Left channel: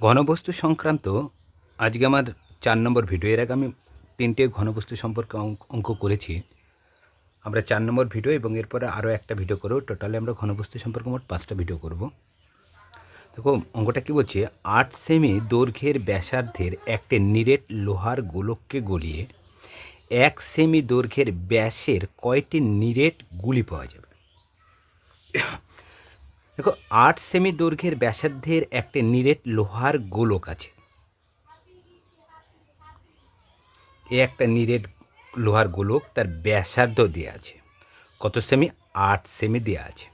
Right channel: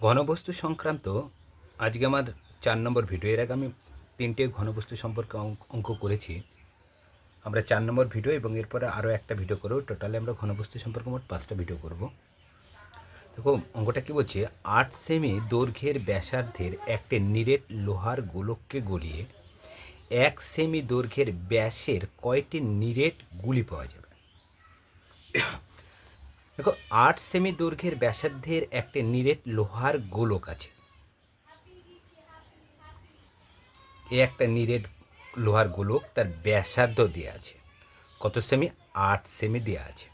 ঘনবস্তু সংক্রান্ত, আজকে আমার চার নম্বর ভিডিও এর আগে আমি তিনটে ঘনবস্তু সম্পর্কে অঙ্ক করেছি। আমরা চার নম্বর ভিডিও এবং এরপরে আরও একটা ভিডিও করব। টোটালি আমরা ঘনবস্তু সম্পর্কে মোট পাঁচটা ভিডিও করব। দেখো, অঙ্কটা কী বলছে? আট সেমি দৈর্ঘ্যের ব্যাসার্ধের একটি নিরেট লোহার গোলককে গলিয়ে এক সেমি দৈর্ঘ্যের ব্যাসের কয়টি নিরেট গুলি পাওয়া যাবে? দেখো, আট সেমি দৈর্ঘ্যের ব্যাসার্ধের একটা নিরেট লোহার গোলক আছে। এ একটা নিরেট লোহার গোলক তার ব্যাসার্ধ দেওয়া আছে। কত সেমি? আট সেমি দেওয়া আছে।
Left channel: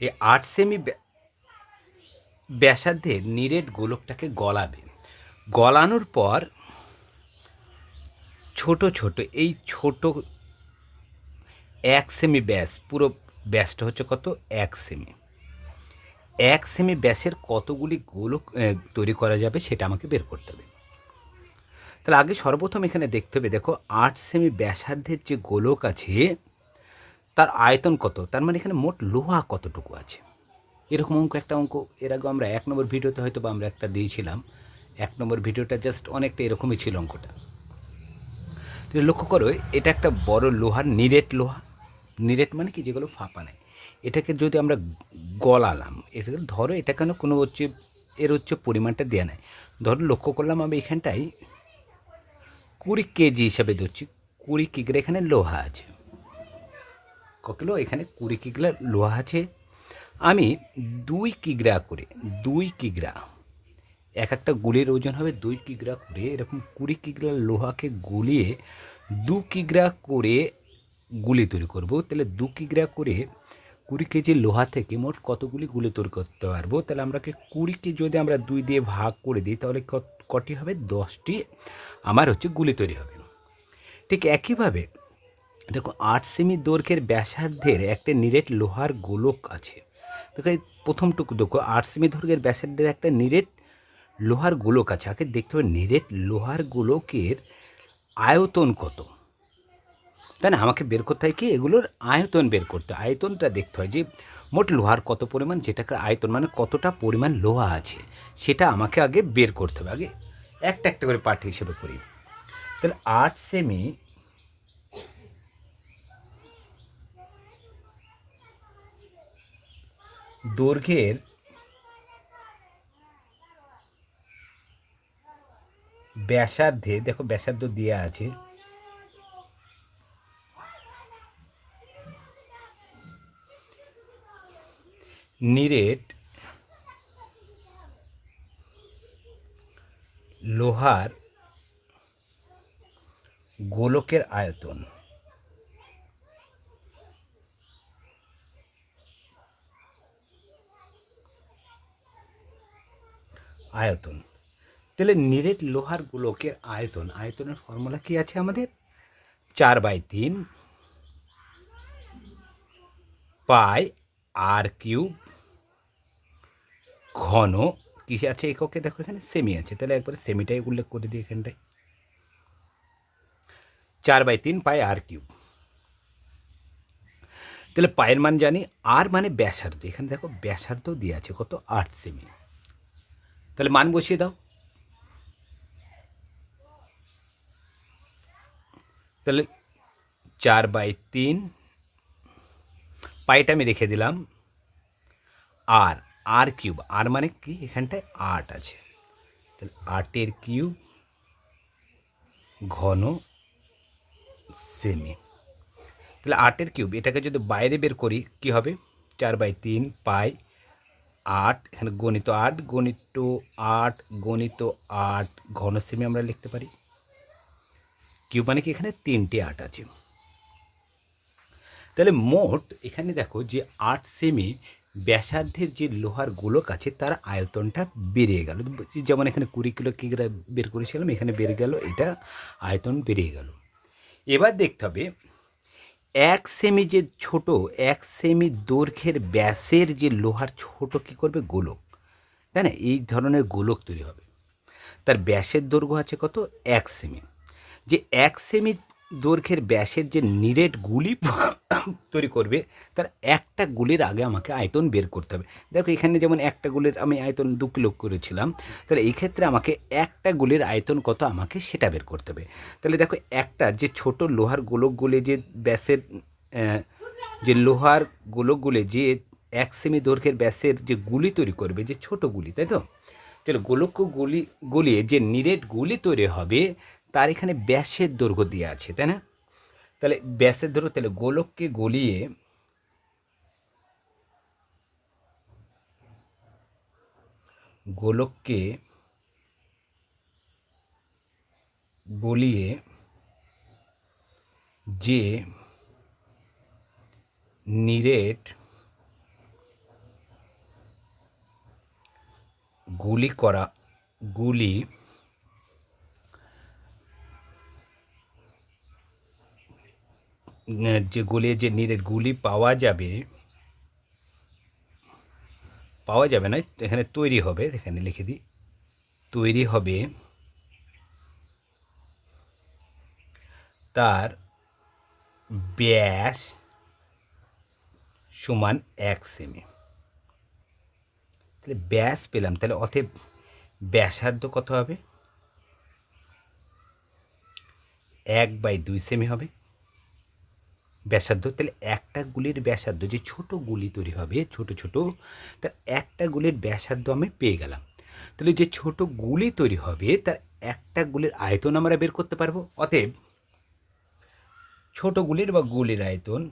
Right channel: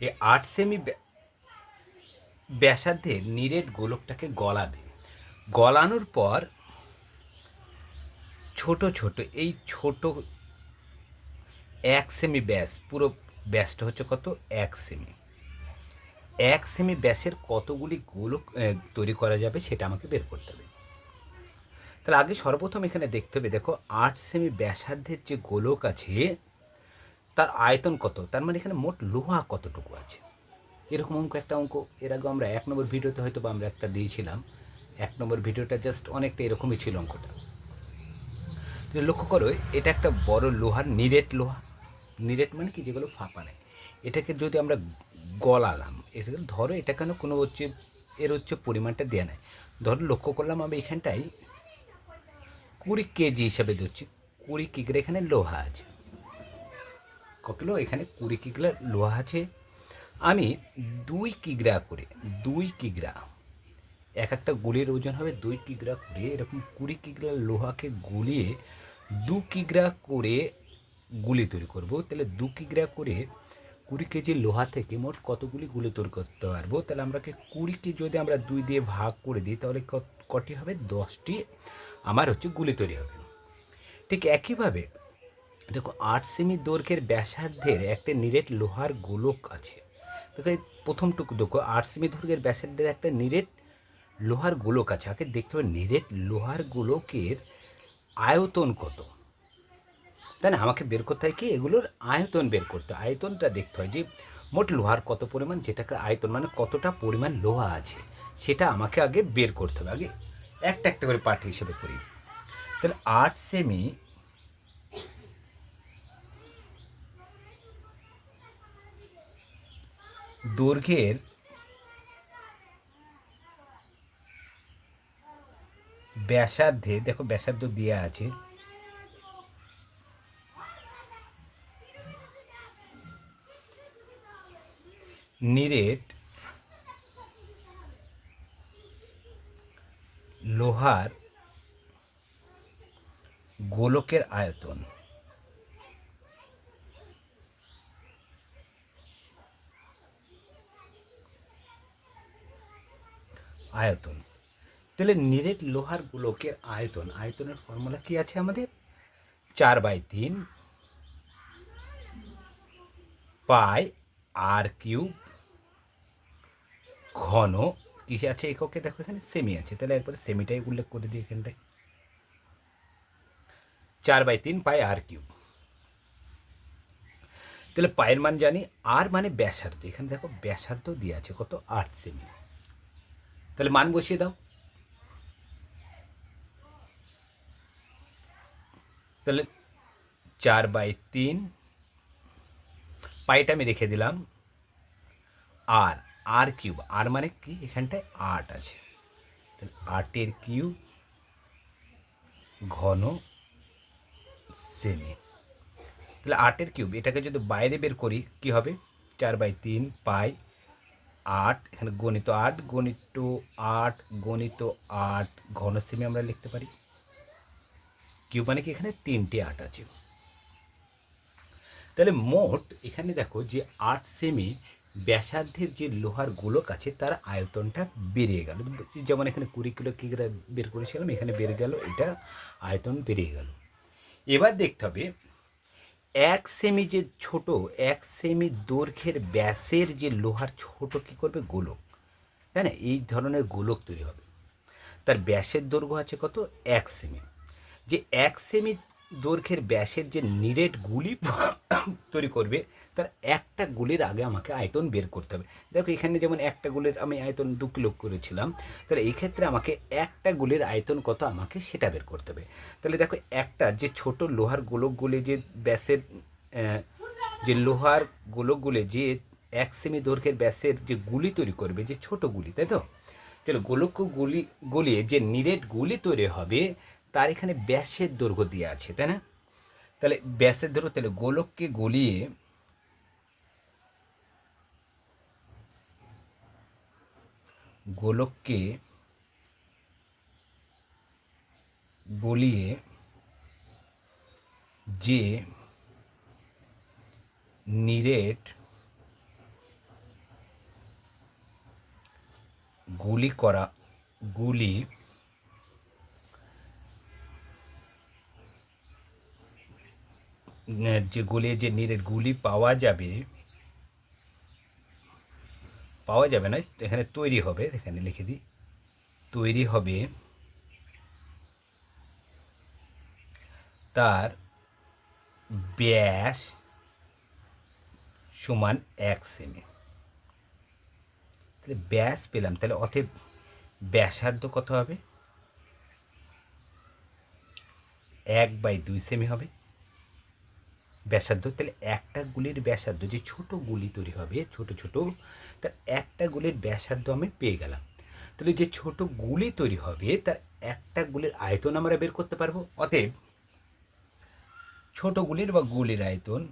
এই আট সেমি ব্যা- ব্যাসার্ধের নিরেট গোলকটাকে গলাবে। গলানোর পর ছোট ছোট, এই ছোট এক সেমি ব্যাস পুরো ব্যাসটা হচ্ছে কত? এক সেমি এক সেমি ব্যাসের কতগুলি গোলক তৈরি করা যাবে সেটা আমাকে বের করতে হবে। তাহলে আগে সর্বপ্রথম এখানে দেখতে হবে, দেখো, আট সেমি ব্যাসার্ধের যে গোলক আছে, তার আয়তন কত? তার মানে এখানে মোট লোহা কতটুকু আছে? এরকম অঙ্ক, একটা অঙ্ক, এর আগে আমরা এক নম্বর ভিডিওতে হয়তো বা আমরা একটা দিয়েছিলাম। এক নম্বর ভিডিওটা জাস্ট অনেকটা এরকমই ছিল অঙ্কটা। লক্ষ্য করো, এটা একটা বড় লোহার, নিরেট লোহা। নিরেট মানে কি? যেগুলো ফাঁপা নেয়। এটাকে যদি আমরা গলালাম এটাকে ধরো এটা কেন কোনো হচ্ছে, এর হচ্ছে পরিমাণটা দেওয়া নেয় ধরো লক্ষ্য করলাম আমি এখানটায় কুড়ি কেজি হিসাবে ধরছি, কুড়ি কিগ্রা এখানে লোহা আছে। ক কিলো এখানে কুড়ি কিগ্রা লোহা আছে। আমি দুই কিগ্রা করে, দুই কিগ্রা, এক একটা গুলির ওজন হবে দুই কিগ্রা করে, এরকম কুড়ি কিগ্রা লোহাকে গুলিয়ে দু কিগ্রা করে গুলি তৈরি করব। তাহলে দু কিগ্রা করে কুড়ি কেজি লোহা থেকে মোট কতগুলি গুলি তৈরি করতে পারব? তাহলে আমরাকে কুড়িকে যদি আমরা দুই দিয়ে ভাগ করে দিই, তাহলে কটি হবে? দশটি। আমার হচ্ছে গুলি তৈরি হবে। ঠিক একইভাবে, দেখো আট সেমি দৈর্ঘ্যের ব্যাসার্ধের একটা নিরেট লোহার গোলক আছে। দেখো প্রথমটুকু দেখো, আট সেমি দৈর্ঘ্যের ব্যাসার্ধের একটা নিরেট লোহার গোলক আছে। আগে দেখতে হবে নিরেট লোহার গোলকের আয়তন কত। তাই না? আমাকে বের করতে হয় কি? এগুলোর আয়তন বের করতে হয়। আয়তনটা দেখতে হয় যে মোট লোহার কত পরিমাণ? যেটাকে আয়তন মানে কতটা পরিমাণ লোহা আছে, সেটা আমাকে আগে বের করতে হবে। আগে একটা একটা করে পার্ট হিসেবে করি। তাহলে আট সেমি দৈর্ঘ্যের ব্যাসার্ধে, দেখো ব্যাসার্ধ দেওয়া আছে নিরেট লোহার গোলকের আয়তন। আয়তন। তাহলে নিরেট লোহার গোলকের আয়তন, আয়তনের ফর্মুলা কি আছে আমাদের? চার বাই তিন পাই আর কিউব ঘন। কিসে আছে এককে দেখো এখানে সেমি আছে। তাহলে একবারে সেমিটাই উল্লেখ করে দিই এখানটায়। চার বাই তিন পাই আর কিউব। তাহলে পায়ের মান জানি আর মানে ব্যাসার্ধ। এখানে দেখো ব্যাসার্ধ দিয়ে আছে কত? আট সেমি তাহলে মান বসিয়ে দাও। তাহলে চার বাই তিন, পাইটা আমি রেখে দিলাম আর আর কিউব আর মানে কি? এখানটায় আট আছে। তাহলে আটের কিউব ঘন সেমি তাহলে আটের কিউব এটাকে যদি বাইরে বের করি, কি হবে? চার বাই তিন পাই আট এখানে গণিত আট গণিত আট গণিত আট ঘন সেমি আমরা লিখতে পারি। কিউব মানে কি? এখানে তিনটে আট আছে। তাহলে মোট, এখানে দেখো যে আট সেমি ব্যাসার্ধের যে লোহার গোলক আছে, তার আয়তনটা বেড়ে গেল। যেমন এখানে কুড়ি কিলো কিগ্রা বের করেছিলাম, এখানে বেড়ে গেল, এটা আয়তন বেরিয়ে গেল। এবার দেখতে হবে, এক সেমি যে ছোট, এক সেমি দৈর্ঘ্যের ব্যাসের যে লোহার ছোট কী করবে? গোলক। তাই না? এই ধরনের গোলক তৈরি হবে। তার ব্যাসের দৈর্ঘ্য আছে কত? এক সেমি। যে এক সেমি দৈর্ঘ্যের ব্যাসের যে নিরেট গুলি তৈরি করবে, তার একটা গুলির আগে আমাকে আয়তন বের করতে হবে। দেখো, এখানে যেমন একটা গুলির আমি আয়তন দু কিলো করেছিলাম, তাহলে এই ক্ষেত্রে আমাকে একটা গুলির আয়তন কত আমাকে সেটা বের করতে হবে। তাহলে দেখো, একটা যে ছোট লোহার গোলকগুলি যে ব্যাসের যে লোহার গোলকগুলি যে এক সেমি দৈর্ঘ্যের ব্যাসের যে গুলি তৈরি করবে, যে ছোট গুলি, তাই তো? তাহলে গোলক গুলি গলিয়ে যে নিরেট গুলি তৈরি হবে তার এখানে ব্যাসের দৈর্ঘ্য দেওয়া আছে, তাই না? তাহলে ব্যাসের দৈর্ঘ্য, তাহলে গোলককে গলিয়ে গোলককে গলিয়ে যে নিরেট গুলি করা, গুলি যে গলিয়ে যে নিরেট গুলি পাওয়া যাবে পাওয়া যাবে না, এখানে তৈরি হবে, এখানে লিখে দিই, তৈরি হবে তার ব্যাস সমান এক সেমি তাহলে ব্যাস পেলাম, তাহলে অতএব ব্যাসার্ধ কত হবে? এক বাই দুই সেমি হবে। ব্যাসার্ধ, তাহলে একটা গুলির ব্যাসার্ধ, যে ছোট গুলি তৈরি হবে, ছোট ছোট, তার একটা গুলির ব্যাসার্ধ আমি পেয়ে গেলাম। তাহলে যে ছোট গুলি তৈরি হবে, তার একটা গুলির আয়তন আমরা বের করতে পারব। অতএব ছোট গুলির বা গুলির আয়তন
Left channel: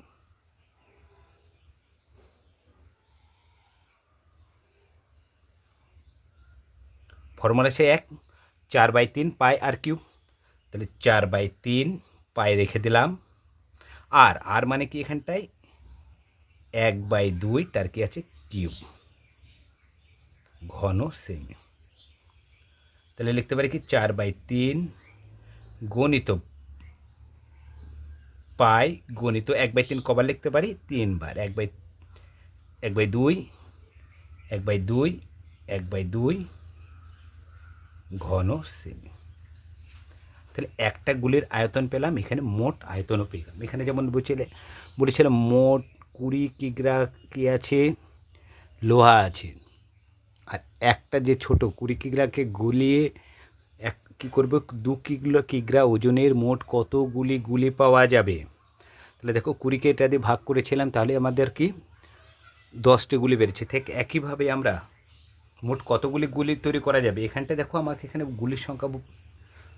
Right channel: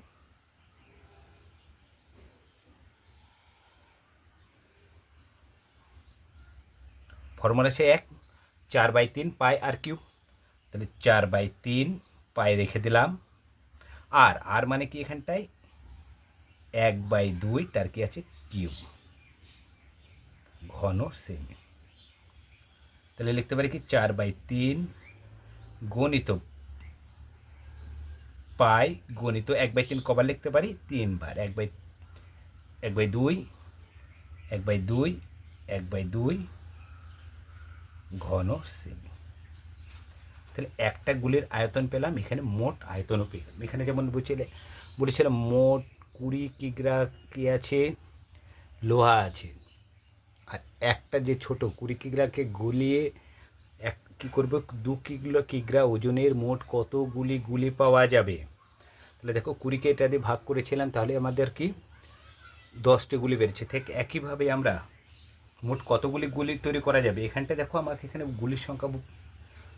ফর্মুলা সে এক, চার বাই তিন পাই আর কিউব। তাহলে চার বাই তিন পাই রেখে দিলাম। আর আর মানে কি এখানটায়? এক বাই দুই, তার কি আছে? কিউব। ঘন সেমি তাহলে লিখতে পারি কি? চার বাই তিন গণিত পাই, গণিত এক বাই তিন কবার লিখতে পারি? তিনবার। এক বাই এক বাই দুই, এক বাই দুই, এক বাই দুই, ঘন সেমি তাহলে একটা গুলির আয়তন পেলাম, এখানে মোট আয়তনও পেয়ে গেলাম। এখানে যেমন বলছিলে, বলেছিলাম মোট কুড়ি কিগ্রা কি আছে? লোহা আছে। আর একটা যে ছোট কুড়ি কিগ্রাকে গুলিয়ে এক কী করব? দু কিগ্রা কিগ্রা ওজনের মোট কতগুলি গুলি পাওয়া যাবে? তাহলে দেখো কুড়িকে এটা দিয়ে ভাগ করেছিলাম, তাহলে আমাদের কি? দশটি গুলি বেরিয়েছে ঠিক একইভাবে আমরা মোট কতগুলি গুলি তৈরি করা যাবে? এখানটা দেখো আমাকে এখানে গুলির সংখ্যা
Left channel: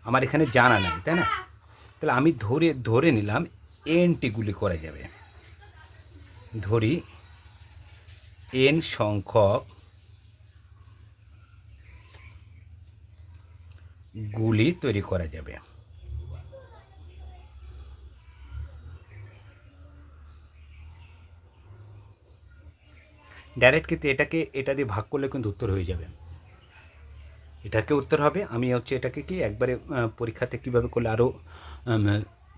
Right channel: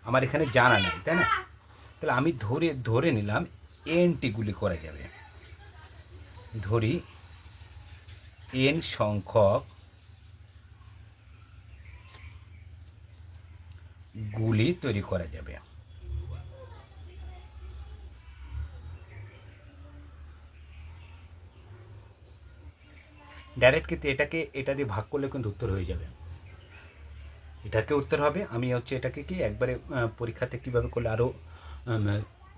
আমার এখানে জানা নাই, তাই না? তাহলে আমি ধরে ধরে নিলাম এনটি গুলি করা যাবে। ধরি এন সংখ্যক গুলি তৈরি করা যাবে। ডাইরেক্ট কিন্তু এটাকে, এটা দিয়ে ভাগ করলে কিন্তু উত্তর হয়ে যাবে। এটাকে উত্তর হবে। আমি হচ্ছে এটাকে কি একবারে পরীক্ষাতে কীভাবে করলে আরও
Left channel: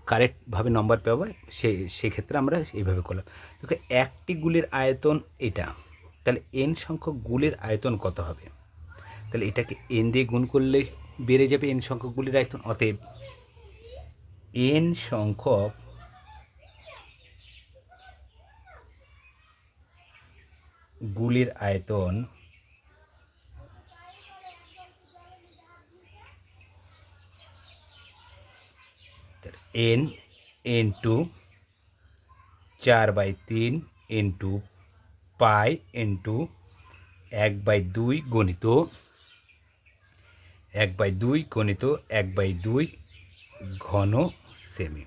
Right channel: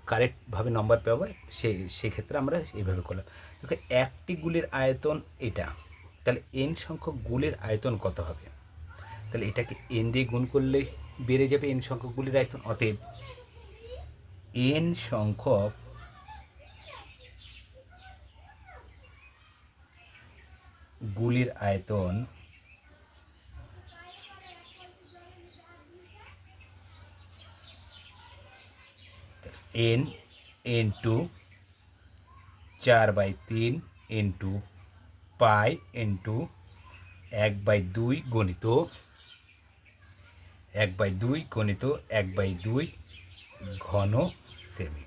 কারেক্টভাবে নম্বর পাবো সেই সেক্ষেত্রে আমরা এইভাবে করলাম। দেখো, একটি গুলির আয়তন এটা। তাহলে এন সংখ্যক গুলির আয়তন কত হবে? তাহলে এটাকে এন দিয়ে গুণ করলে বেড়ে যাবে এন সংখ্যক গুলির আয়তন। অতএব এন সংখ্যক গুলির আয়তন এন ইন্টু চার বাই তিন ইন্টু পাই ইন্টু এক বাই দুই গণিত, এক বাই দুই গণিত, এক বাই দুই ঘন সেমি।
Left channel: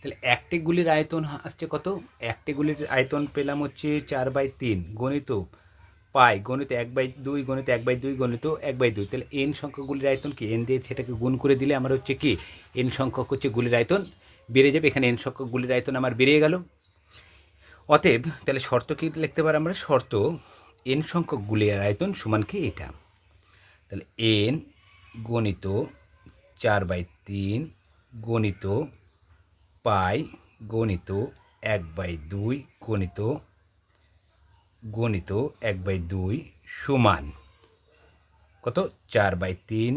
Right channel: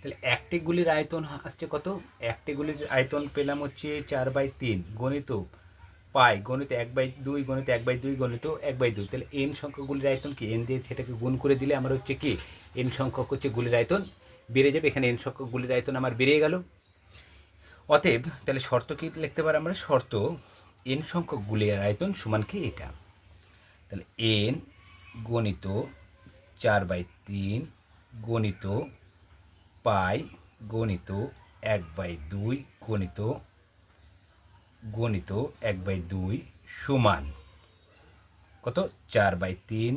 তাহলে একটি গুলির আয়তন আসছে কত? একটি গুলির আয়তন পেলাম হচ্ছে চার বাই তিন গণিত। পাই গণিত এক বাই দুই, গণিত এক বাই দুই, গণিত এক বাই দুই। তাহলে এন সংখ্যক গুলির আয়তন কি? এন দিয়ে সেটাকে গুণ করে দিলে আমার হচ্ছে কি? এন সংখ্যক হচ্ছে গুলির আয়তন বেড়ে যাবে। এখানে এন সংখ্যক গুলির আয়তন আমার বেড়ে গেল। অতএব তাহলে শর্ত কি লিখতে পারি আমরা? শর্ত এন সংখ্যক গুলির আয়তন সমান কি এটা? তাহলে এন গণিত চার বাই তিন গণিত পাই গণিত এক বাই দুই গণিত গণিত এক বাই দুই সমান কত? চার বাই তিন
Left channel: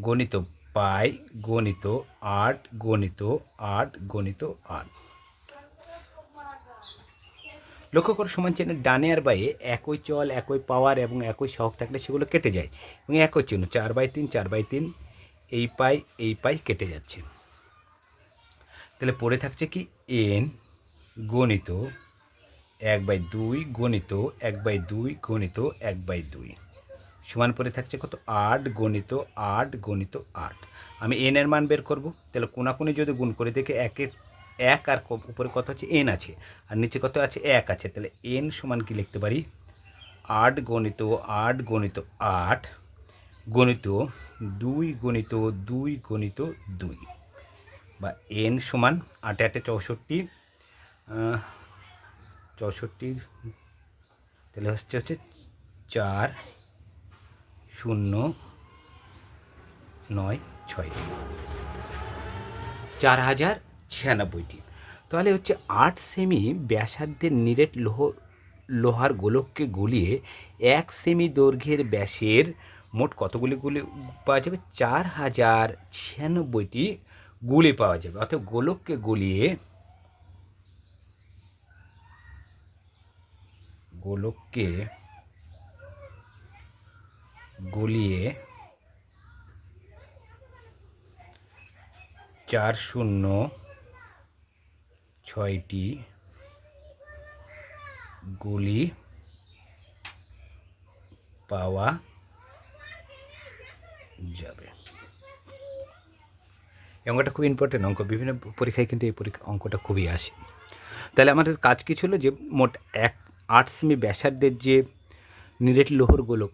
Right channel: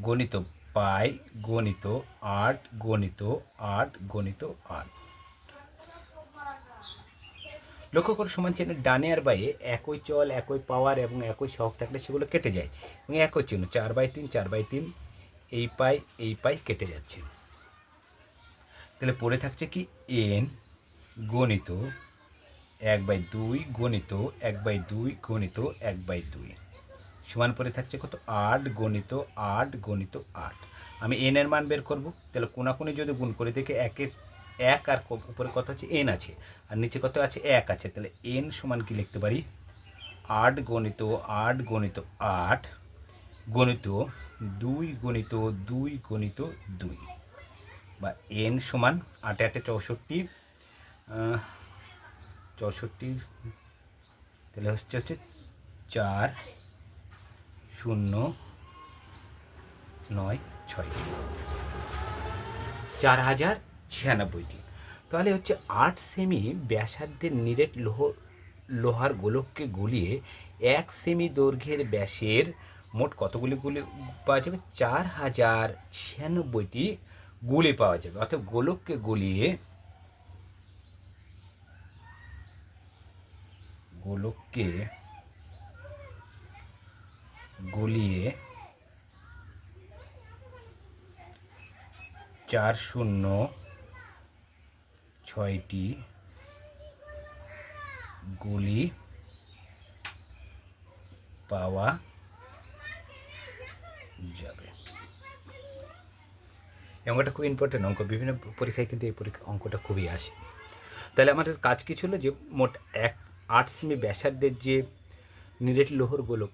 গণিত পাই, গণিত আট গণিত আট গণিত আট। লক্ষ্য করো, সমান চিহ্নের ডানে আর বাইয়ে একই চল, একই পাওয়ার এবং একই সহগ থাকলে সেগুলো কেটে যায় এবং একই চিহ্ন, চার বাই তিন, চার বাই তিন, এই পাই এই পাই কেটে যাচ্ছে। তাহলে পড়ে থাকছে কি? এন গণিত এক বাই দুই গণিত এক বাই দুই গণিত এক বাই দুই। সমান পরে থাকছে কত? আট গণিত আট গণিত আট। আমি এন এর মান বের করব। তাহলে কোনাকুনি যদি গুণ করে দেখে একের এক আর উপরে কত আছে? এন আছে। আর নিচে কত আছে? এক আছে। তাহলে এন সমান কি লিখতে পারি? আট গণিত আট গণিত আট গণিত দুই গণিত দুই গণিত দুই। বা এন সমান আটে আটে চৌষট্টি চৌষট্টি, তাহলে হচ্ছে হচ্ছে চার, শূন্য, নয়, ছয়। চার হাজার ছিয়ানব্বইটি। তাহলে হচ্ছে আট সেমি ব্যাসার্ধের নিরেট লোহ, লোহার গোলককে গলিয়ে এক সেমি দৈর্ঘ্যের ব্যাসের মোট কতগুলি গুলি পাওয়া যাবে? চার হাজার ছিয়ানব্বইটি গুলি পাওয়া যাবে। অর্থাৎ গোলককে গলিয়ে গোলককে গলিয়ে চার শূন্য ছয়টি গুলি পাওয়া যাবে। এই অঙ্কটা খুব ইম্পর্টেন্ট অঙ্ক। বিভিন্ন পরীক্ষায় কিন্তু এই পরীক্ষা, অঙ্কটা খুবই আসে। তাহলে আমাদের কাজ কী ছিল যে মোট এক আট সেমি ব্যাসার্ধের যে নিরেট লোহর গোলক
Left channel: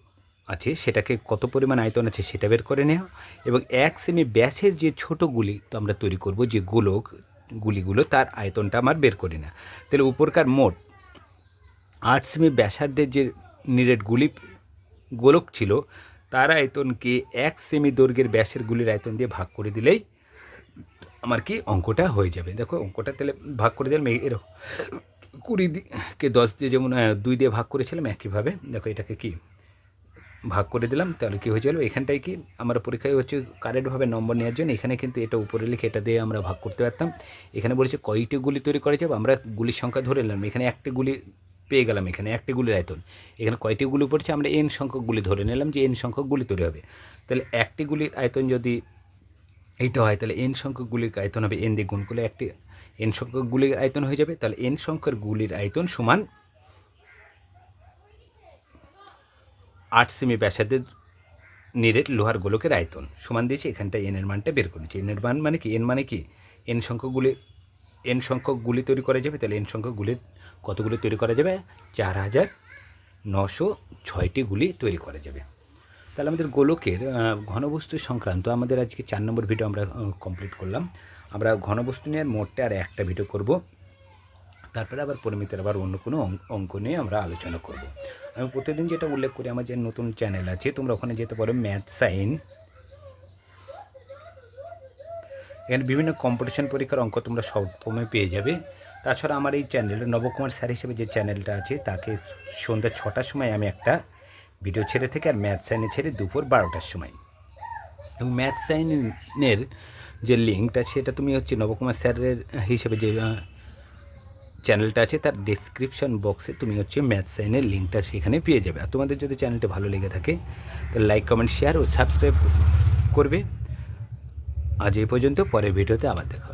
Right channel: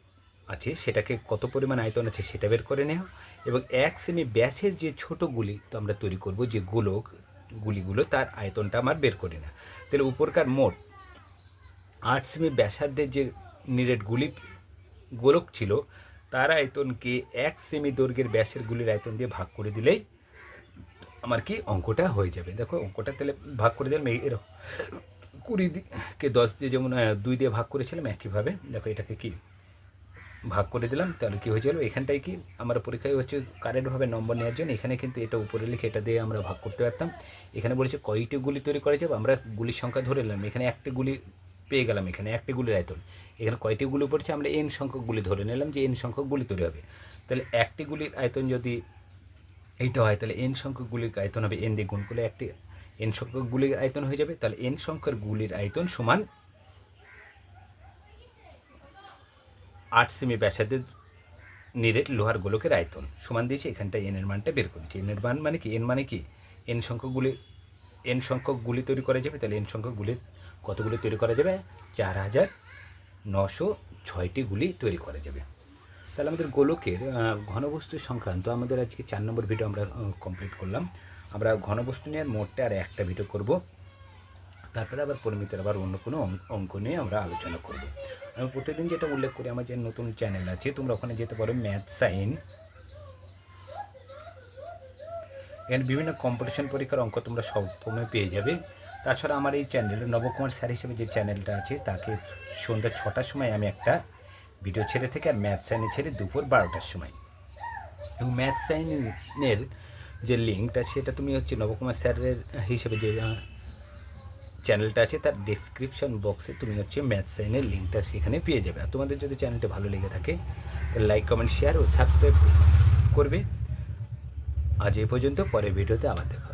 আছে, সেটাকে কত পরিমাণ আয়তন আছে সেটা বের করে নেওয়া এবং এক সেমি ব্যাসের যে ছোট গুলি তো আমরা তৈরি করব, যে গোলক গুলিগুলো, তার আয়তনটা আমার বের করি না তাহলে উপরকার মোট আট সেমি ব্যাসার্ধের যে নিরেট গুলি গোলক ছিল, তার আয়তনকে এক সেমি দৈর্ঘ্যের ব্যাসের গুলির আয়তন দিয়ে ভাগ করে দিলেই আমার কি অঙ্কটা হয়ে যাবে। দেখো, অঙ্কটা তাহলে ভাগ করে দিলাম এরকম। কুড়ি কে দশ দিয়ে যেমন দুই দিয়ে ভাগ করেছিলাম একইভাবে। দেখো এটাকে কি ভাগ করে দিলাম, তাহলে কী হয়ে গেলো এখানটায় কি আমরা পরীক্ষায় হচ্ছে কারেন্টভাবে নম্বর নেওয়ার জন্য এখানে কিন্তু এটা উপরে লিখে এটা দিয়ে আমরা ভাগ করতে পারতাম। এখানে বলেছে কয়টি গুলি তৈরি করা যাবে? আমরা গুলির সংখ্যা ধরে নিলাম, এখানে একটি গুলি পেয়ে গেলাম, এখানে একটি গুলির আয়তন। এখানে কয়টি গুলি পড়ছে? আমরা এন সংখ্যক গুলি ধরে নিলাম যে এন সংখ্যক গুলি তৈরি হবে। তাহলে একটি গুলির আয়তন যদি এইটা হয়, তাহলে এন সংখ্যক গুলির আয়তন হবে এন দিয়ে গুণ করলে একটি এন সংখ্যক গুলির আয়তন হয়ে যাবে, তাহলে এন সংখ্যার গুলির আয়তন সমান আট সেমি ব্যাসাদের নিরেট লোহার গোলকের আয়তন। সমান দিয়েছি এখানটা এন এর মানটা বের করেছি। এন এর মান মানে কি? এন মানে কি? এন সংখ্যক গুলি এন সংখ্যক গুলি তৈরি করা যাবে, তাহলে এন সংখ্যক গুলির কতগুলি তৈরি করা যাবে? চার হাজার নশো ছয়টি গুলি তৈরি করা যাবে। তাহলে আমাদের গোলকের ঘনবস্তু সংক্রান্ত আমাদের আজকে চার নম্বর ভিডিও আমরা কমপ্লিট করলাম। আমরা ঘনবস্তু নিয়ে মোটে আর একটা ভিডিও করব। তারপরে আবার পরিমিতের আবার অন্য কোনো অঙ্ক- নিয়ে আমরা আলোচনা করব। আমি প্রতিদিন যেটা উল্লেখ করি, আমার যে নতুন চ্যানেল আছে, তোমরা ওখানে যেতে পারো ম্যাথ সাইন এখানে বিভিন্ন কম্পিটিশন পরীক্ষার অঙ্ক তোমরা সবসময় পেয়ে যাবে। তাছাড়া আমার এই চ্যানেলে নবকুমার স্যার হিসেবে যে চ্যানেলটা আছে, তাকে সন্ধ্যা ছটার সময় আমি একটা ভিডিও ছেড়ে থেকে আর ম্যাথ সাইনে ছেড়ে দুপুর বারোটার সময়। এবং ম্যাথ সাইনের যে লিঙ্কটা, সেটা তুমি হচ্ছে নবকুমার স্যারের হিসেবে যে চ্যানেলটা আছে, তার ডেসক্রিপশন বক্সে তুমি হচ্ছে ম্যাথ সাইনের লিঙ্কটা সেখানে পেয়ে যাবে। আর তোমাদের যদি চ্যানেলটা ভালো লেগে থাকে তাহলে লাইক কমেন্ট শেয়ার ও সাবস্ক্রাইব করবে। আজ এই পর্যন্ত, পরের ভিডিওতে আবার দেখা